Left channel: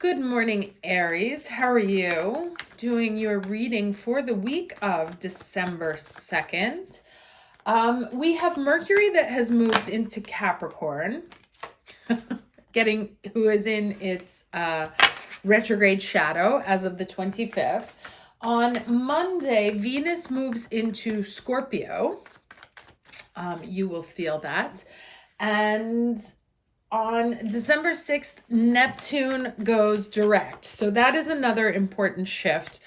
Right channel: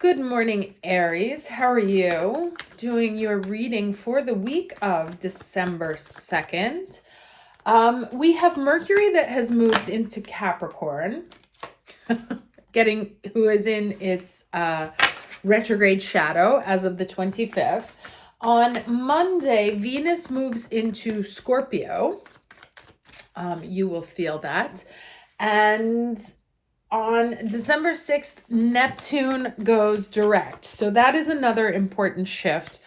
Good morning, Aries. How are you? Doing your reading for the week of December 2nd. We have Mercury that has moved into Capricorn, who is in its retrograde shadow as of the 25th. On Monday, Venus moves into Scorpio. You will feel that. And on December 6th, Neptune goes direct. So that is another important shift,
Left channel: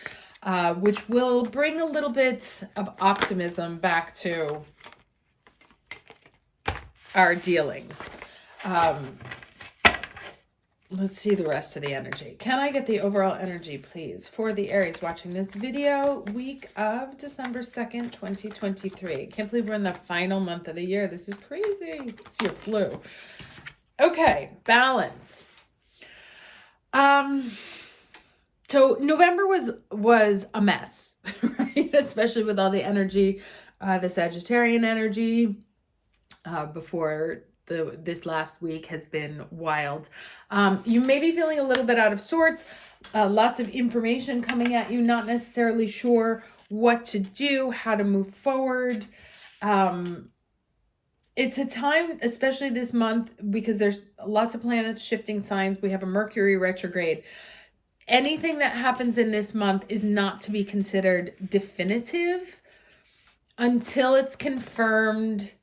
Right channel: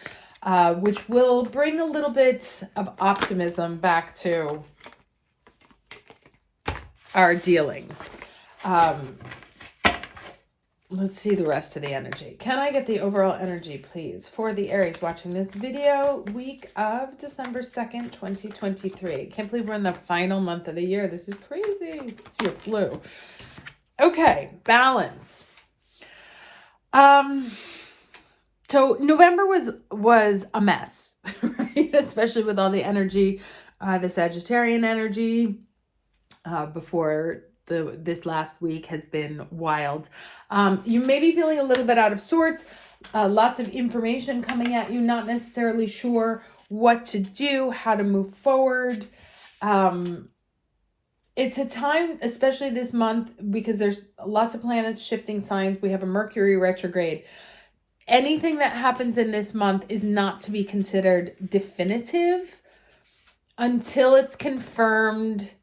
which will bring a little bit of optimism back to our dealings. Let's see the rest of the energy. Can I get the overall energy, please, for the Aries watching this video, week of December 2nd, 2023. Can't believe we're in the final month of the year. This is crazy. It's your flu. Okay, balance. So November was a mess, right? Especially with all the energy, the Sagittarian energy before this last week has been wild. You may be feeling a little bit out of sorts, lots of information coming at you, not necessarily sure what to do, how to move forward. It's a time, especially this month, because there's lots of planets shifting signs. We have a Mercury retrograde. Anything that happens in this month is not to be considered definitive until it's confirmed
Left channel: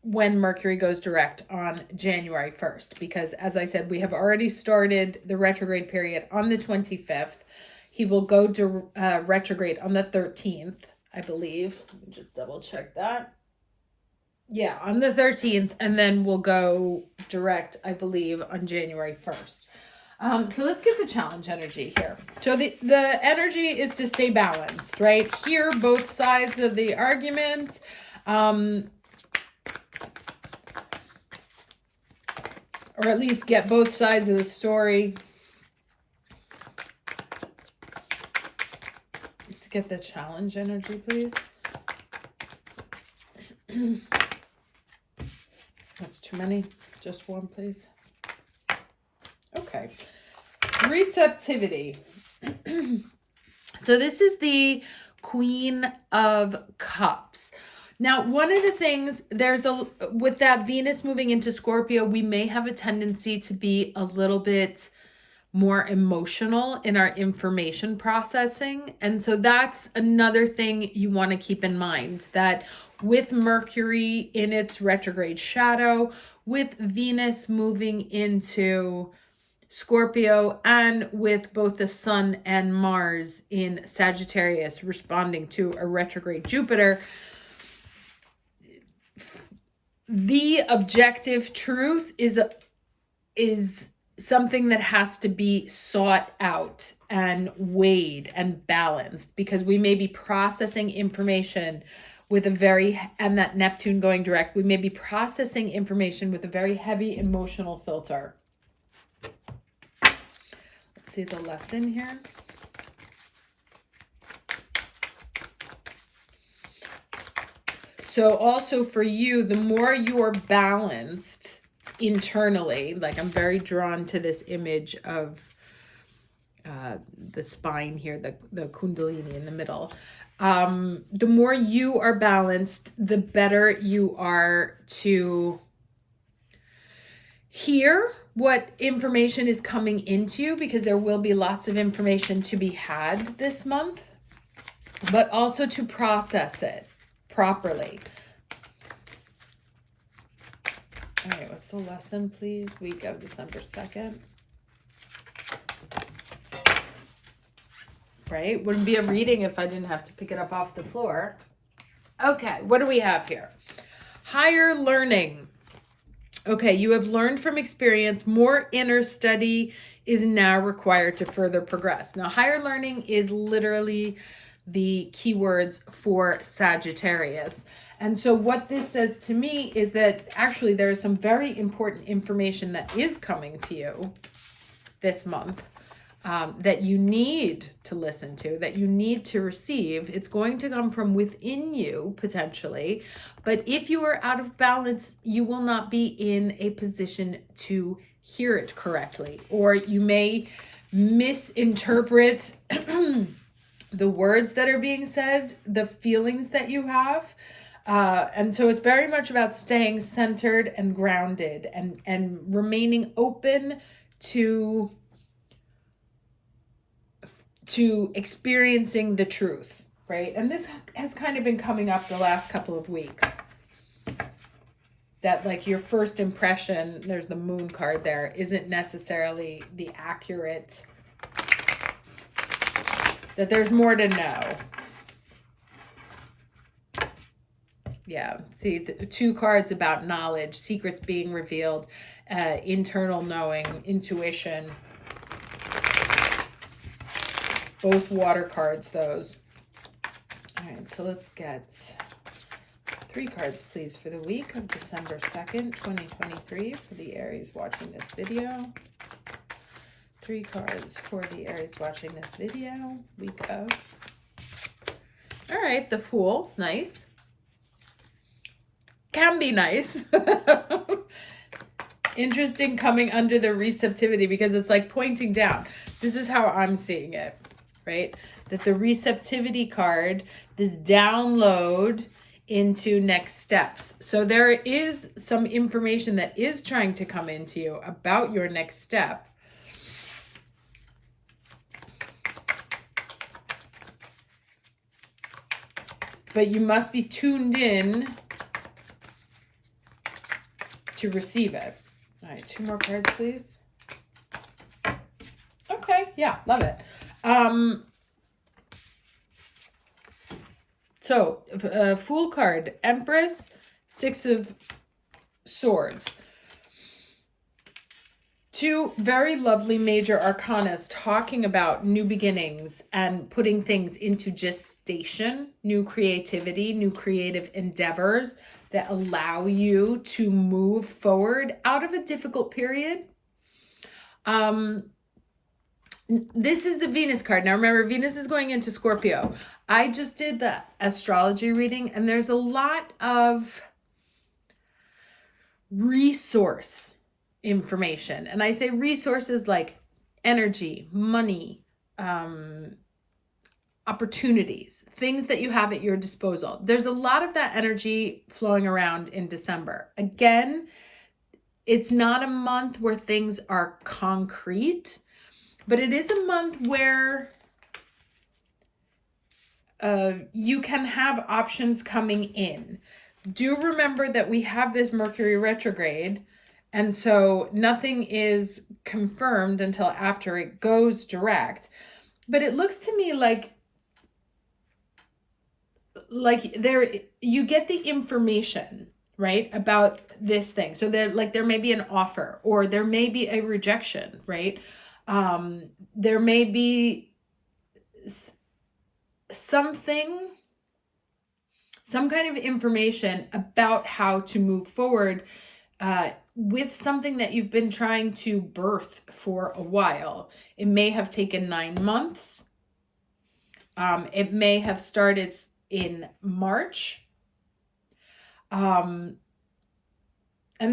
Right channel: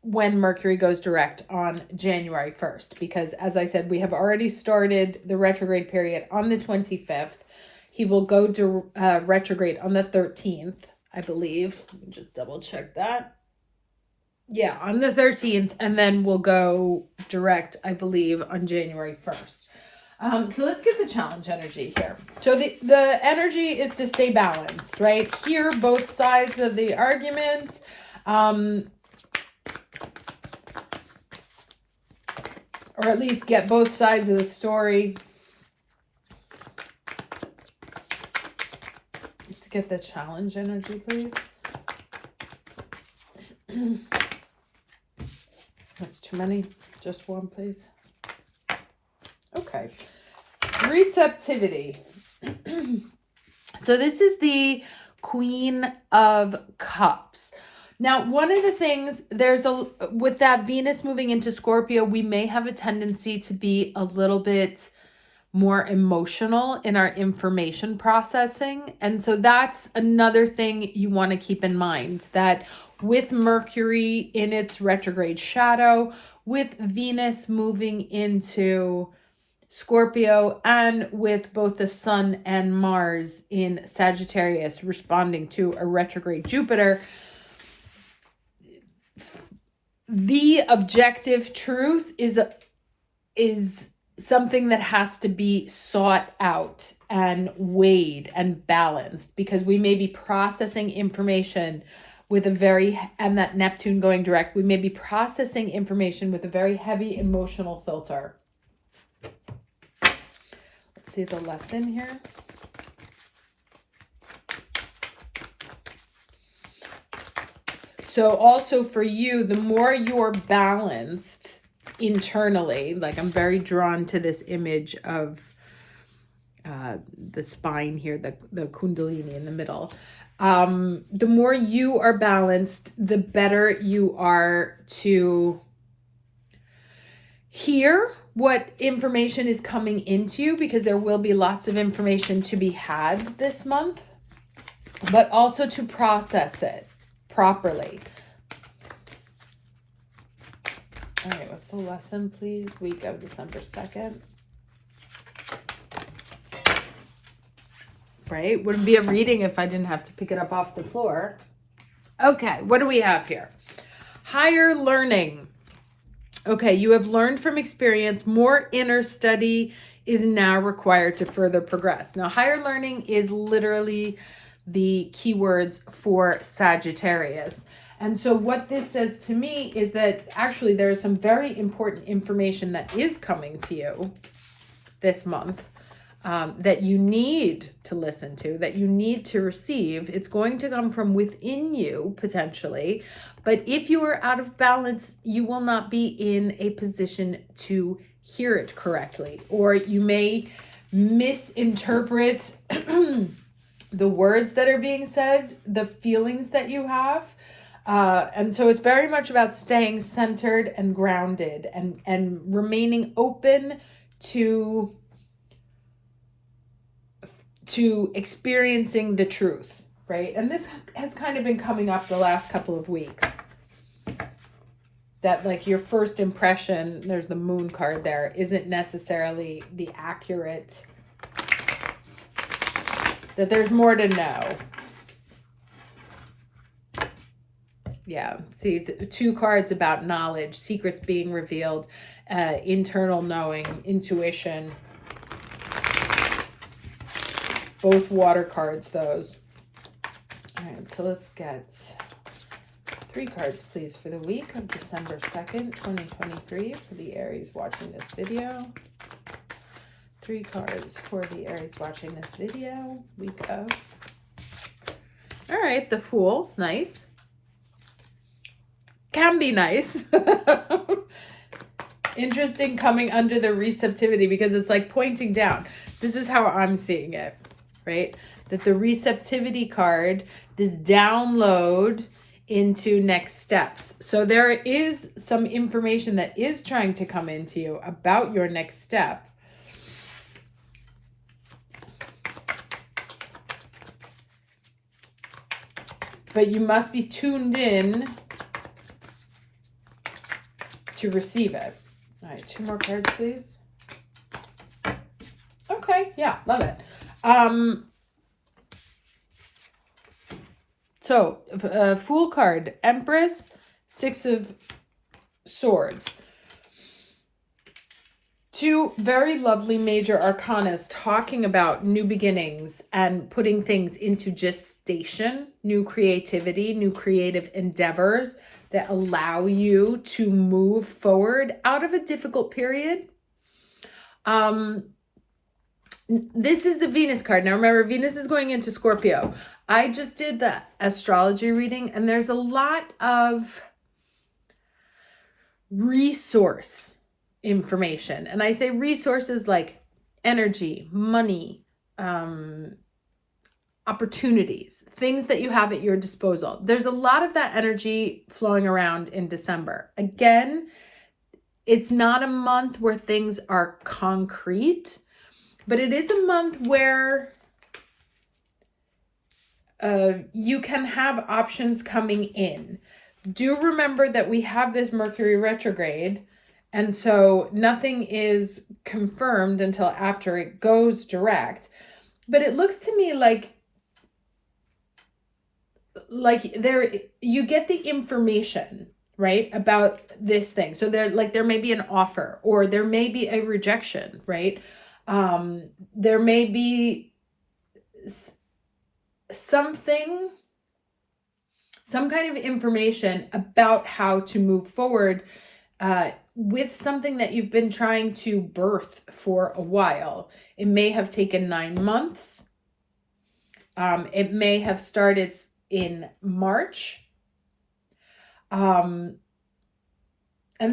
when Mercury goes direct on January 1st. Because as I said, we have already started the retrograde period on the 25th. He will go to retrograde on the 13th, I believe. Let me just double check that. Yeah, on the 13th, and then we'll go direct, I believe, on January 1st. So let's get the challenge energy here. So the energy is to stay balanced, right? Hear both sides of the argument. Or at least get both sides of the story. Let's get the challenge energy, please. That's too many. Just one, please. Okay. Receptivity. So this is the Queen of Cups. Now, one of the things, with that Venus moving into Scorpio, we may have a tendency to be a little bit more emotional in our information processing. And so that's another thing you want to keep in mind, that with Mercury in its retrograde shadow, with Venus moving into Scorpio, and with both the Sun and Mars in Sagittarius responding to a retrograde Jupiter, the objective truth is something that has to be sought out and weighed and balanced, because we may be processing information with and that Neptune going direct, we may be processing information with a very heavy emotional filter. Let's see the lesson here. So also for you, the more you're balanced internally, like I'm very drawn to this image of the spine here, the kundalini in the middle. The more you are balanced, the better you are to hear what information is coming into you, because there will be lots of information to be had this month, but also to process it properly. All right, what's the lesson, please? Week of December 2nd. Right? Wouldn't be a reading if I didn't have to pick it up off the floor. Okay, what do we have here? Higher learning. Okay, you have learned from experience. More inner study is now required to further progress. Now, higher learning is literally the keywords for Sagittarius. And so what this says to me is that actually there is some very important information that is coming to you this month that you need to listen to, that you need to receive. It's going to come from within you, potentially. But if you are out of balance, you will not be in a position to hear it correctly, or you may misinterpret the words that are being said, the feelings that you have. And so it's very much about staying centered and grounded and remaining open to experiencing the truth, right? And this has kind of been coming up the last couple of weeks. That like your first impression, there's the moon card there, isn't necessarily the accurate, that there's more to know. Yeah, see, two cards about knowledge, secrets being revealed, internal knowing, intuition. Both water cards, those. All right, so let's get 3 cards, please, for the week of December 2nd, 2023, for the Aries watching this video. 3 cards for the Aries watching this video, week of. All right, the Fool, nice. Can be nice. Interesting coming under the receptivity, because it's like pointing down. This is how I'm seeing it, right? That the receptivity card, this download into next steps. So there is some information that is trying to come into you about your next step. But you must be tuned in to receive it. All right, 2 more cards, please. Okay, yeah, love it. So, Fool card, Empress, 6 of Swords. 2 very lovely major arcanas talking about new beginnings and putting things into gestation, new creativity, new creative endeavors that allow you to move forward out of a difficult period. This is the Venus card. Now remember, Venus is going into Scorpio. I just did the astrology reading, and there's a lot of resource information. And I say resources like energy, money, opportunities, things that you have at your disposal. There's a lot of that energy flowing around in December. Again, it's not a month where things are concrete, but it is a month where you can have options coming in. Do remember that we have this Mercury retrograde, and so nothing is confirmed until after it goes direct. But it looks to me like there you get the information, right, about this thing. So there may be an offer, or there may be a rejection, right? There may be some kind of information about how to move forward with something that you've been trying to birth for a while. It may have taken 9 months. It may have started in March. And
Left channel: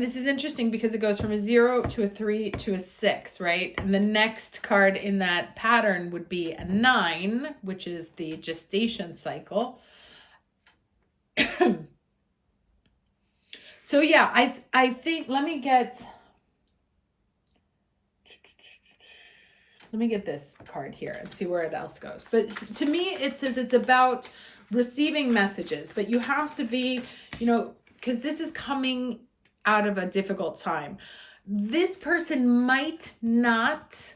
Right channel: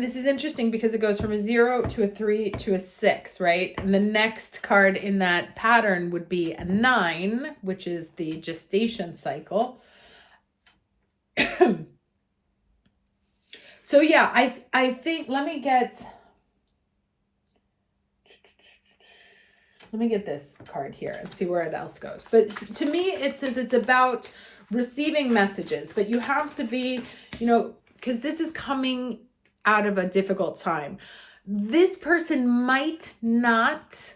this is interesting because it goes from a 0 to a 3 to a 6, right? And the next card in that pattern would be a 9, which is the gestation cycle. So yeah, I think, let me get this card here and see where it else goes. But to me, it says it's about receiving messages, but you have to be, because this is coming out of a difficult time. This person might not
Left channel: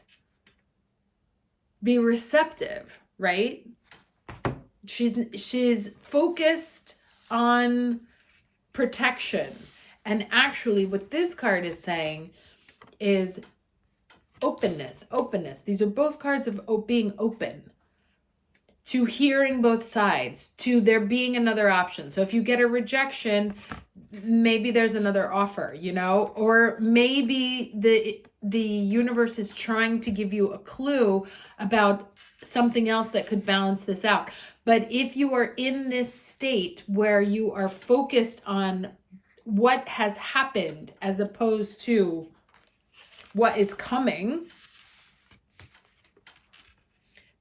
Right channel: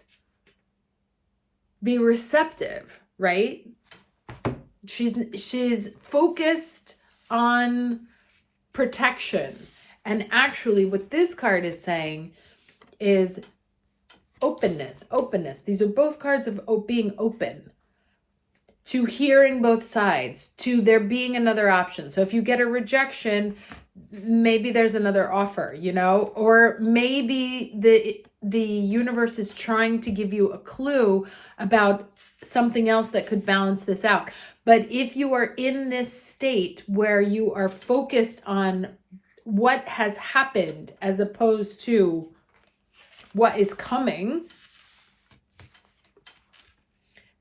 be receptive, right? She's focused on protection. And actually what this card is saying is openness. These are both cards of being open to hearing both sides, to there being another option. So if you get a rejection, maybe there's another offer, or maybe the universe is trying to give you a clue about something else that could balance this out. But if you are in this state where you are focused on what has happened as opposed to what is coming,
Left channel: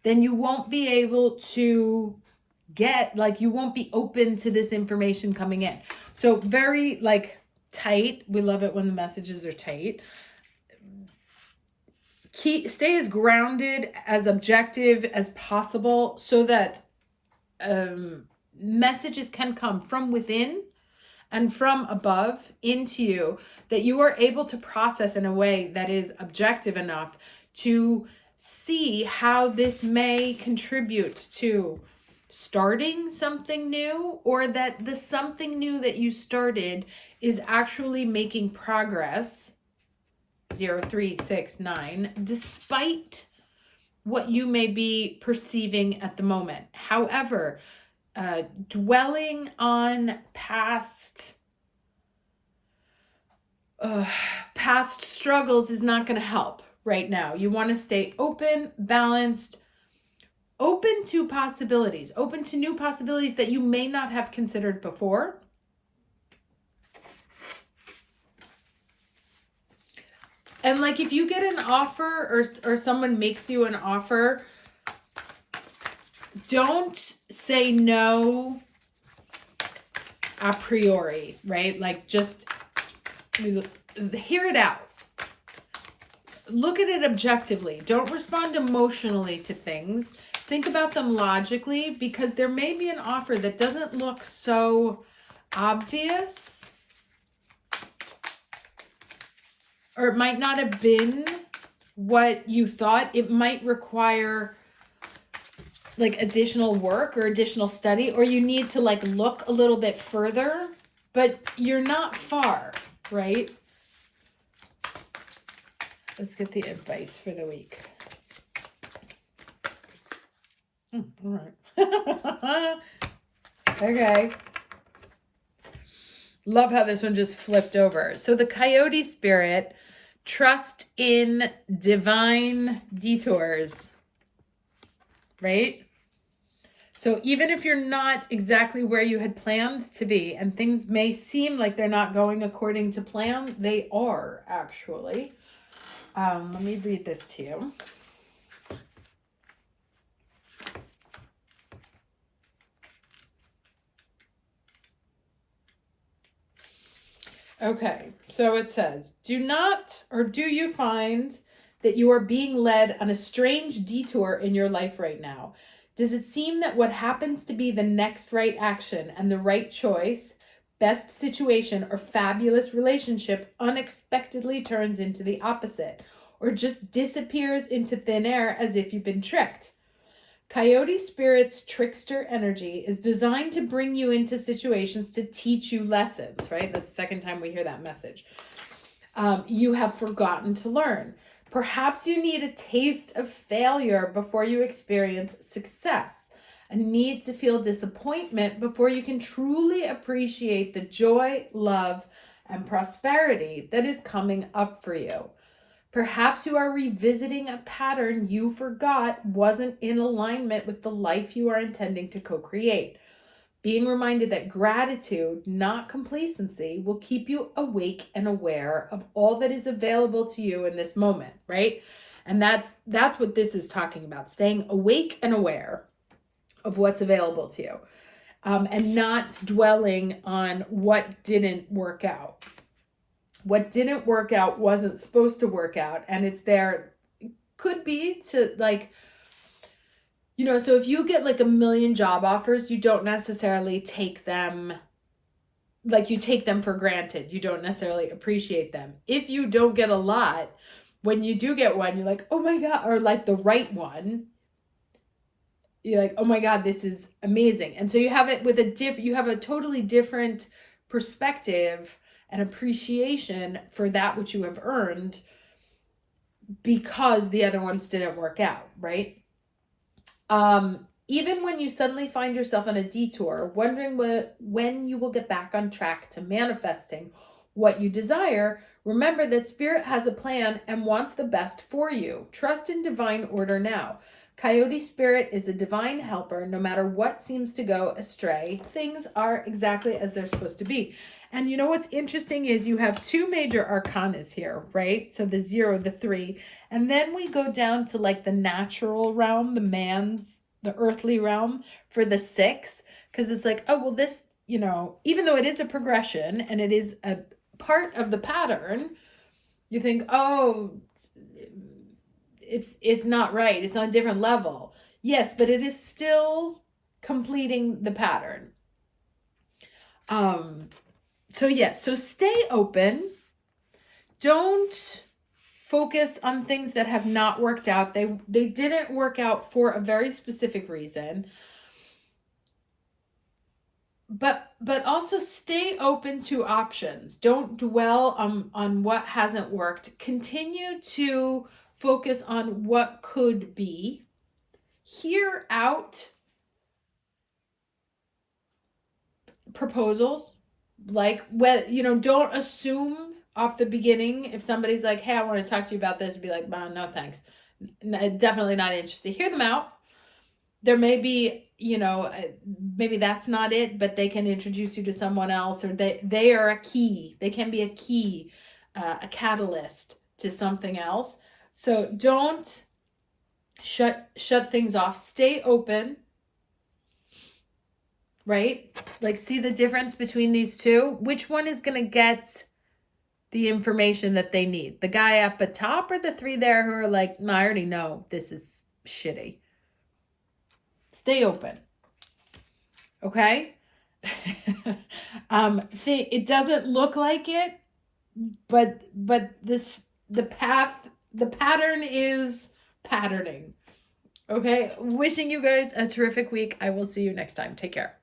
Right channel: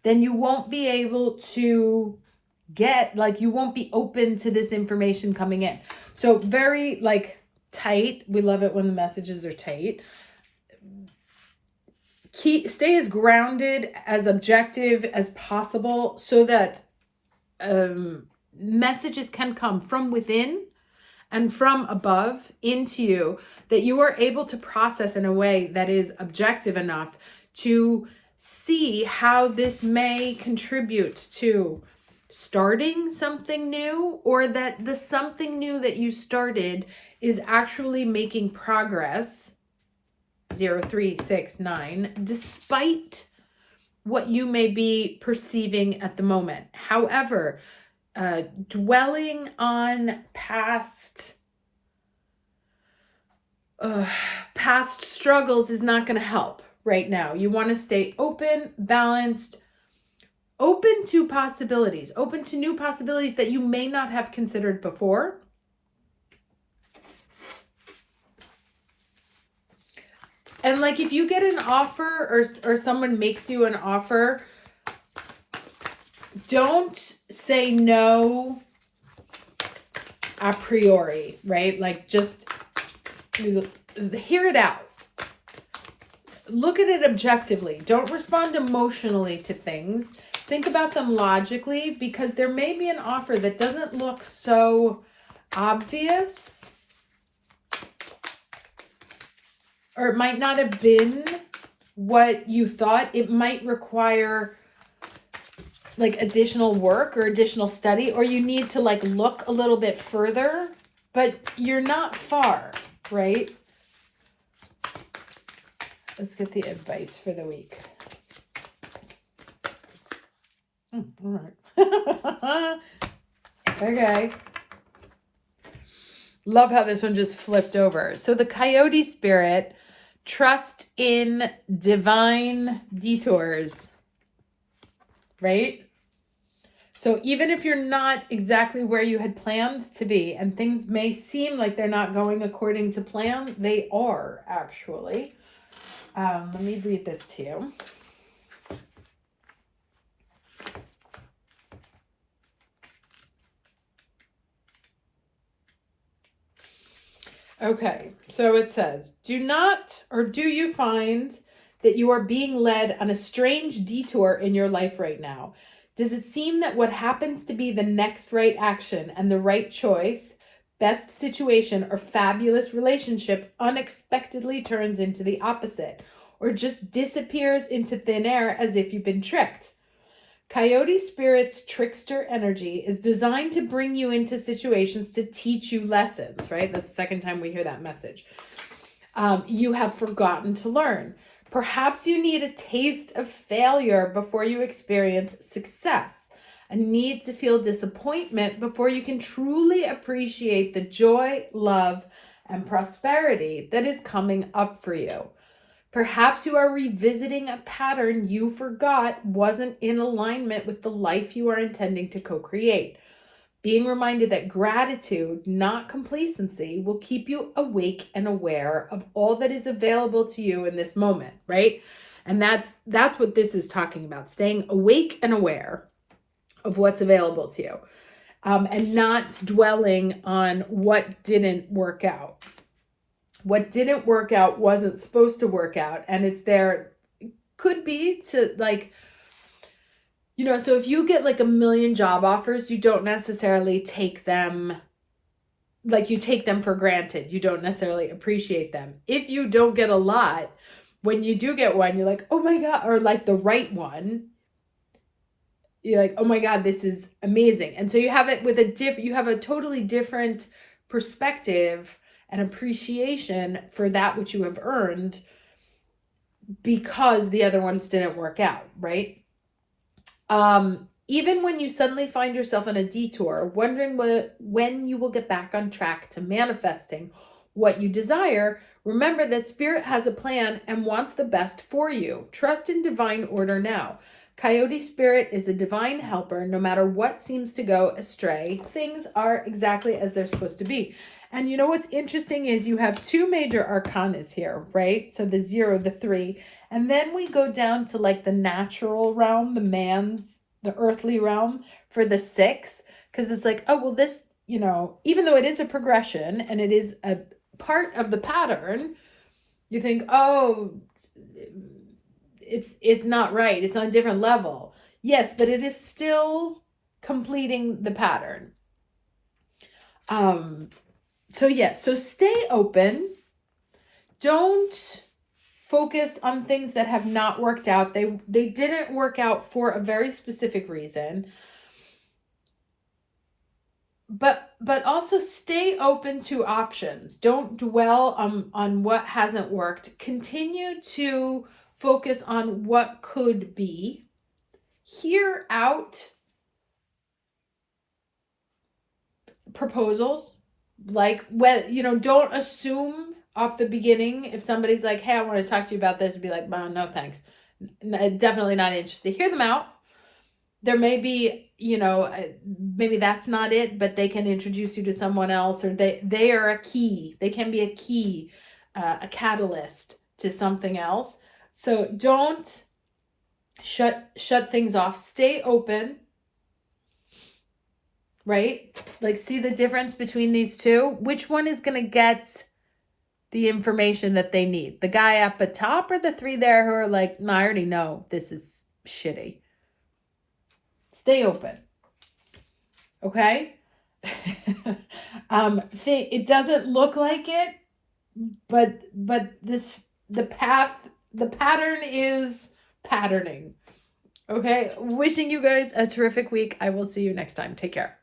then you won't be able to get, like, you won't be open to this information coming in. So very like tight. We love it when the messages are tight. Stay as grounded, as objective as possible so that messages can come from within and from above into you, that you are able to process in a way that is objective enough to see how this may contribute to starting something new, or that the something new that you started is actually making progress, 0, 3, 6, 9, despite what you may be perceiving at the moment. However, dwelling on past struggles is not going to help right now. You want to stay open, balanced, open to possibilities, open to new possibilities that you may not have considered before. And like, if you get an offer or someone makes you an offer, don't say no a priori, right? Like, just hear it out. Look at it objectively. Don't respond emotionally to things. Think about them logically, because there may be an offer that doesn't look so obvious, or it might not have been what you thought. It might require like additional work or additional study, or you need to like look a little bit further, but you're not far, right? Let's get the advice for the week. All right. Okay. Love how this one just flipped over. So the Coyote spirit, trust in divine detours, right? So even if you're not exactly where you had planned to be, and things may seem like they're not going according to plan, they are actually. Let me read this to you. Okay, so it says, do you find that you are being led on a strange detour in your life right now? Does it seem that what happens to be the next right action and the right choice, best situation, or fabulous relationship unexpectedly turns into the opposite, or just disappears into thin air as if you've been tricked? Coyote Spirit's trickster energy is designed to bring you into situations to teach you lessons, right? That's the second time we hear that message. You have forgotten to learn. Perhaps you need a taste of failure before you experience success, a need to feel disappointment before you can truly appreciate the joy, love, and prosperity that is coming up for you. Perhaps you are revisiting a pattern you forgot wasn't in alignment with the life you are intending to co-create. Being reminded that gratitude, not complacency, will keep you awake and aware of all that is available to you in this moment, right? And that's what this is talking about, staying awake and aware of what's available to you, and not dwelling on what didn't work out. What didn't work out wasn't supposed to work out, and it's there. Could be to like, you know, so if you get like 1 million job offers, you don't necessarily take them, like you take them for granted. You don't necessarily appreciate them. If you don't get a lot, when you do get one, you're like, oh my God, or like the right one, you're like, oh my God, this is amazing. And so you have it with you have a totally different perspective and appreciation for that which you have earned, because the other ones didn't work out, right? Even when you suddenly find yourself on a detour, wondering when you will get back on track to manifesting what you desire, remember that Spirit has a plan and wants the best for you. Trust in divine order now. Coyote Spirit is a divine helper. No matter what seems to go astray, things are exactly as they're supposed to be. And you know what's interesting is you have two major arcanas here, right? So the 0, the 3, and then we go down to like the natural realm, the earthly realm for the 6, because it's like, oh, well, this, you know, even though it is a progression and it is a part of the pattern, you think, oh, it's not right. It's on a different level. Yes, but it is still completing the pattern. So yeah, so stay open. Don't focus on things that have not worked out. They didn't work out for a very specific reason. But also stay open to options. Don't dwell on what hasn't worked. Continue to focus on what could be. Hear out proposals. Like, well, you know, don't assume off the beginning if somebody's like, hey, I want to talk to you about this, be like, well, no thanks, definitely not interested. Hear them out. There may be, you know, maybe that's not it, but they can introduce you to someone else, or they are a key. They can be a key, a catalyst to something else. So don't shut things off. Stay open. Right? Like, see the difference between these two? Which one is going to get the information that they need? The guy up at top or the 3 there who are like, no, I already know this is shitty. Stay open. Okay? It doesn't look like it, but the pattern is patterning. Okay? Wishing you guys a terrific week. I will see you next time. Take care.